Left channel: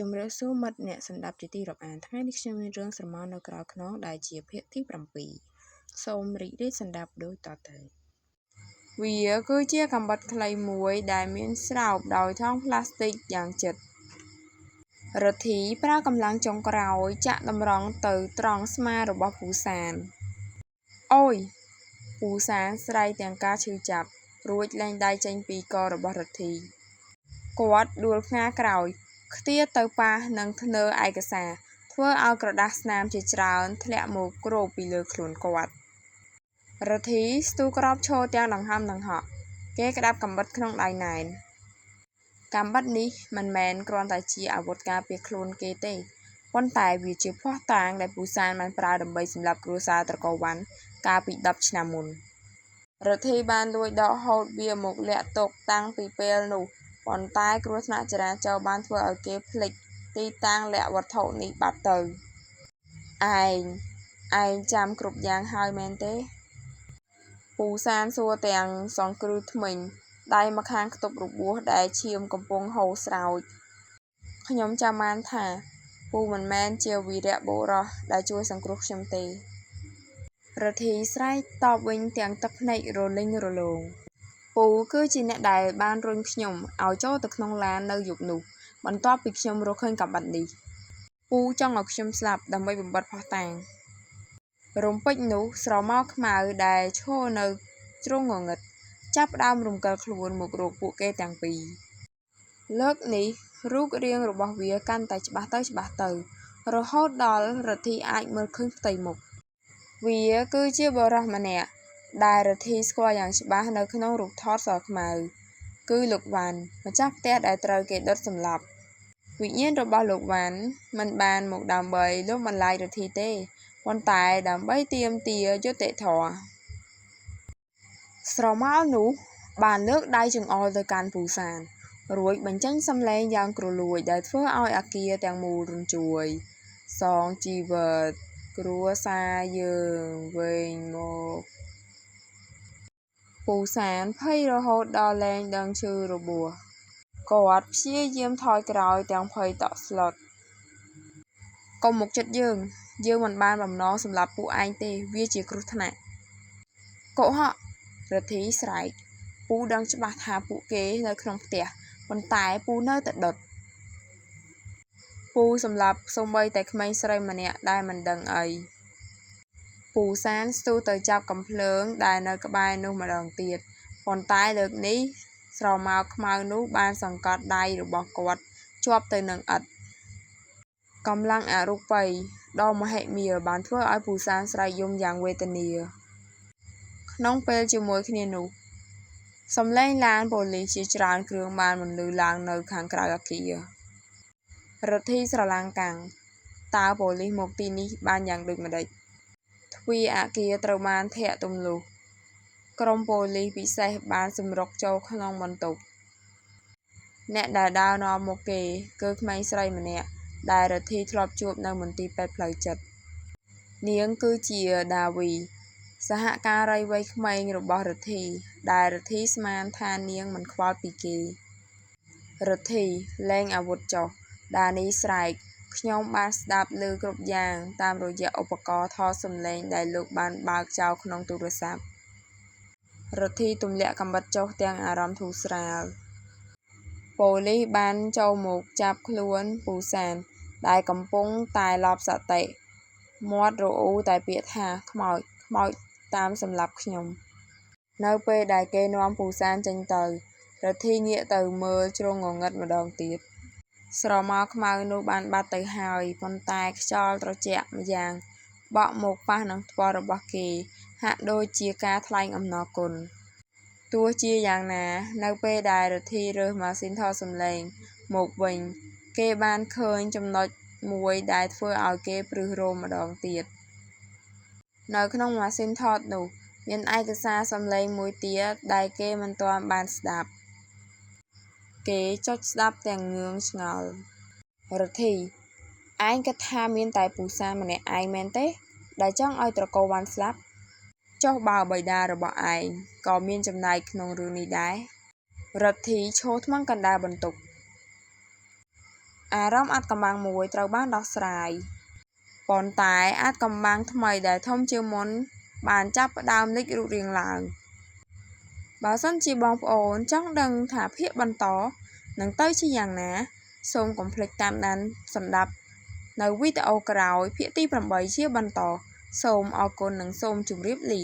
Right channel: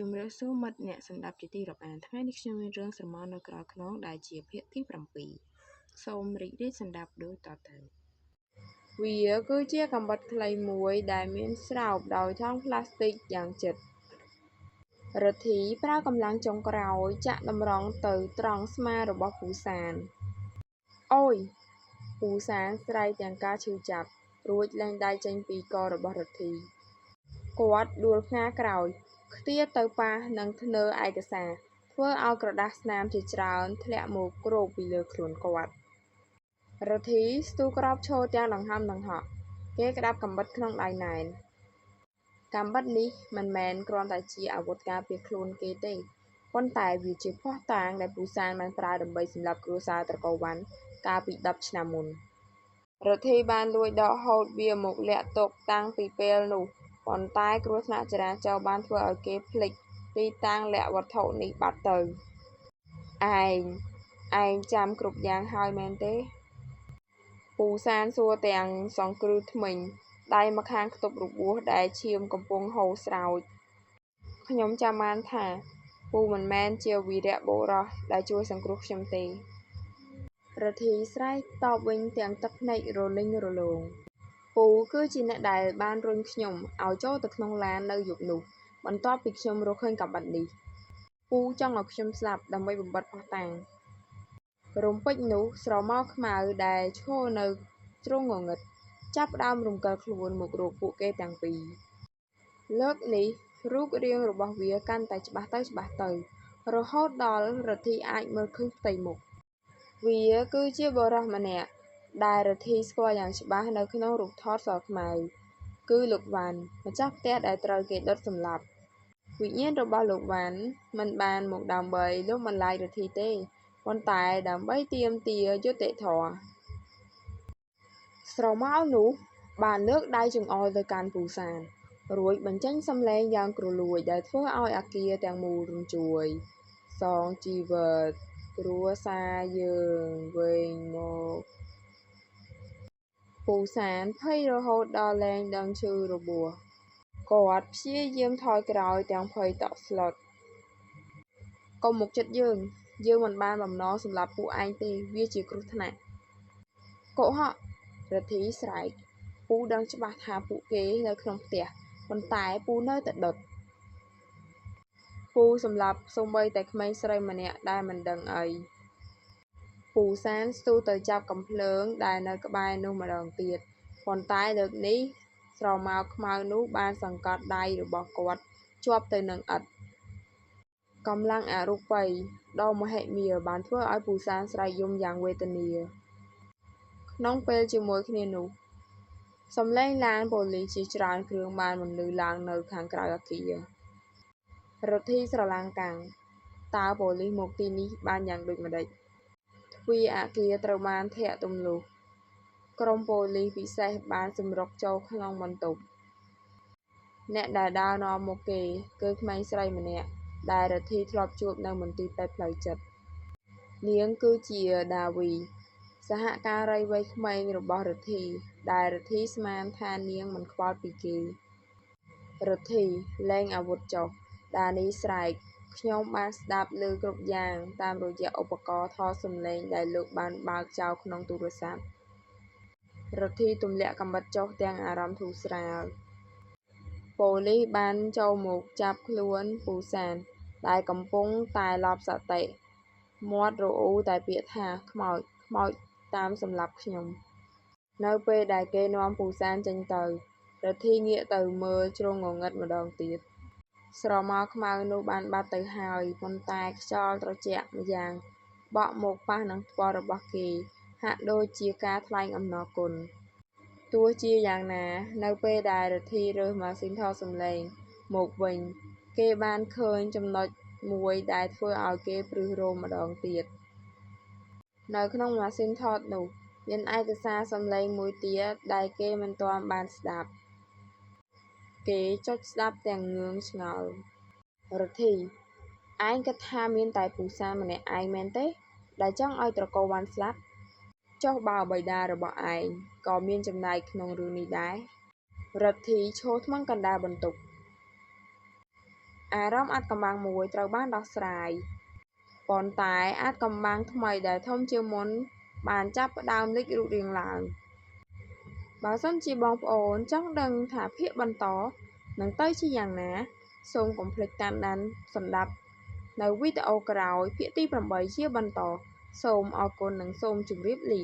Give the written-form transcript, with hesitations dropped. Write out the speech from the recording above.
ជំរាបសួរមិត្តអ្នកស្ដាប់ជាទីរាប់អានថ្ងៃនេះខ្ញុំមានរឿងស្រមោលនៅក្រៅខ្នងដែលជាភាគទី7សូមរីករាយស្ដាប់ដូចតទៅវាគឺជាកាំបិតខ្លីមួយដែលមានស្រោបដោយថង់ប្លាស្ទិកយ៉ាងជិតរទ្ធីប្រើកម្លាំងចុងក្រោយចាក់តម្រង់ទៅត្រង់ស្មារបស់ពូសានអូយពូសានស្រែកទាំងការឈឺចាប់រួចលែងដៃចេញពីករបស់រទ្ធីគាត់ដួលផ្ងាក្រោយខ្ទាទៅប៉ះនឹងធ្នើឯកសារធ្វើឲ្យក្រដាសស្នាមជាច្រើនធ្លាក់មកគ្របពីលើខ្លួនគាត់រទ្ធីស្ទុះក្រោបឈរទាំងដង្ហើមដង្ហក់គេក្តាប់កាំបិតក្នុងដៃណែនកាំបិតនេះមិនមែនគ្រាន់តែជាអាវុធការពារខ្លួនគេទេប៉ុន្តែវាជាភស្តុតាងដែលពូសានបានប្រើដើម្បីសម្លាប់គ្រួសារត្រកូលវ៉ាន់កាលពី10ឆ្នាំមុនរទ្ធីបានលួចដកហូតវាមកលាក់ទុកតាំងពីពេលនោះប៉ុន្តែគ្រោះថ្នាក់ចរាចរណ៍បានធ្វើឲ្យគេភ្លេចទីតាំងលាក់វត្ថុនេះបាត់ទៅឯងចាំគ្រប់យ៉ាងហើយមែនទេពូសានសួរទាំងសង្គ្រឹះធ្មេញដៃម្ខាងខ្ទប់របួសដែលឈាមកំពុងហូរស្រោចខ្ញុំចាំបានថាពូមិនមែនជាវីរបុរសដែលជួយសង្គ្រោះខ្ញុំទេរទ្ធីស្រែកតបវិញទាំងទឹកភ្នែករលីងរលោងពូគឺជាអ្នកដែលបានរុញខ្ញុំឲ្យចូលទៅក្នុងឡាននៅយប់នោះបន្ទាប់ពីខ្ញុំរកឃើញកាំបិតនេះពូចង់ឲ្យខ្ញុំស្លាប់ដើម្បីបំបត្តិភស្តុតាងរំពេចនោះស្រមោលខ្មៅដែលឈរនៅជ្រុងងងឹតចាប់ផ្ដើមរំកិលខ្លួនមករកពួកគេទាំងពីរលើកនេះរូបរាងរបស់វាកាន់តែច្បាស់ទៅរហូតដល់រទ្ធីអាចមើលឃើញផ្ទៃមុខវាគឺជាបុរសម្នាក់ដែលរទ្ធីស្គាល់យ៉ាងច្បាស់នៅក្នុងរូបថតសខ្មៅគឺលោកវ៉ាន់ម្ចាស់ផ្ទះដែលត្រូវគេដុតសម្លាប់វិញ្ញាណរបស់លោកវ៉ាន់មិនបានមកដើម្បីលុបបន្លាចរទ្ធីទេប៉ុន្តែដើម្បីទាមទារយុត្តិធម៌ស្រមោលនោះបានលើកដៃចង្អុលទៅកាន់ពូសានរួចបញ្ចេញសំឡេងយ៉ាងគ្រលួចដែលធ្វើឲ្យអាគារទាំងមូលរញ្ជួយសងជីវិតគ្រួសារយើងវិញមកពូសានភ័យរហូតដល់លែងដឹងឈឺរបួសគាត់ព្យាយាមថយក្រោយទាំងភ័យតក់ស្លុតកុំមកចិត្តយើងមិនបានបំណងសម្លាប់ពួកឯងទេវាជាគ្រោះថ្នាក់កុហករទ្ធីស្រែកពូដឹងច្បាស់ថាពួកគេនៅក្នុងផ្ទះប៉ុន្តែពូនៅតែដុតពូសម្លាប់សូម្បីតែក្មេងស្រីម្នាក់ដែលមិនដឹងអីពូសានស្ទុះទៅចាប់កាំភ្លើងដែលនៅក្បែរនោះម្ដងទៀតប៉ុន្តែលើកនេះស្រមោលខ្មៅនោះបានសង្កត់ដៃរបស់គាត់ជាប់ទៅនឹងឥដ្ឋកម្លាំងអរូបីដ៏មហិមាបានធ្វើឲ្យពូសានស្រែកយំយ៉ាងវេទនាក្នុងពេលជាមួយគ្នានោះសំឡេងឡានប៉ូលីសជាច្រើនគ្រឿងបានបន្លឺឡើងនៅខាងក្រៅអគាររទ្ធីស្រឡាំងកាំងតើប៉ូលីសមកទីនេះបានយ៉ាងដូចម្ដេចទ្វារអគារត្រូវបានធាក់ទម្លុះក្រុមប៉ូលីសពិសេសបានសម្រុកចូលក្នុងបន្ទប់អ្នកដែលដើរនាំមុខគេគឺក្មេងស្រីម្នាក់ដែលរទ្ធីធ្លាប់ជួបនៅមន្ទីរពេទ្យផ្លូវចិត្តនាងគឺជាដាវីសហការីវ័យក្មេងរបស់រទ្ធីដែលរទ្ធីស្មានថានាងមិនខ្វល់ពីគេរទ្ធីលែងអាវុធចុះដានីស្រែកខ្ញុំបានស្ដាប់ឮគ្រប់យ៉ាងតាមរយៈឧបករណ៍ថតសំឡេងដែលលោកបានបើកចោលក្នុងទូរស័ព្ទរទ្ធីទម្លាក់កាំបិតចុះទាំងអារម្មណ៍ធូរស្រាលប៉ូលីសបានចូលមកចាប់ខ្លួនពូសានដែលកំពុងតែឡប់សតិមាត់រអ៊ូតែពាក្យថាខ្មោចតាមសម្លាប់ខ្ញុំនៅពេលដែលគេនាំពូសានចេញទៅរទ្ធីងាកទៅមើលជ្រុងងងឹតម្ដងទៀតស្រមោលខ្មៅនោះបានបាត់ទៅហើយប៉ុន្តែខ្យល់ត្រជាក់ម្យ៉ាងបក់មកប៉ះនឹងថ្ពាល់របស់គេហាក់ដូចជាការថ្លែងអំណរគុណទោះជាយ៉ាងណានៅពេលដែលរទ្ធីរើសម៉ាស៊ីនថតសំឡេងមកវិញគេបានឃើញចំណុចមួយដែលធ្វើឲ្យគេព្រឺសរោមម្ដងទៀតនៅក្នុងម៉ាស៊ីនថតនោះមានឯកសារសំឡេងមួយទៀតដែលគេមិនទាន់បានស្ដាប់គេចុចស្ដាប់ទាំងងឿងឆ្ងល់រទ្ធីឯងគិតថាមានតែពូសានម្នាក់ឯងមែនទេដែលចង់ឲ្យត្រកូលវ៉ាន់ស្លាប់ចុះបើបិតារបស់ឯងក៏មានចំណែកក្នុងរឿងនេះដែររទ្ធីឈរថ្មឹងកណ្ដាលបន្ទប់ អារម្មណ៍អាថ៌កំបាំងមួយត្រូវបានដោះស្រាយ ប៉ុន្តែអាថ៌កំបាំងថ្មីដែលធំជាងមុនបានចាប់ផ្ដើមលេចរូបរាងឡើង បើសិនជាបងប្អូនចង់ដឹងថាភាគបន្តនឹងទៅជាយ៉ាងណា សូមកុំភ្លេចតាមដានសម្ដាប់នៅវីដេអូក្រោយភាគទី 8 ជាបន្ត សូមអរគុណនិងសូមជម្រាបលា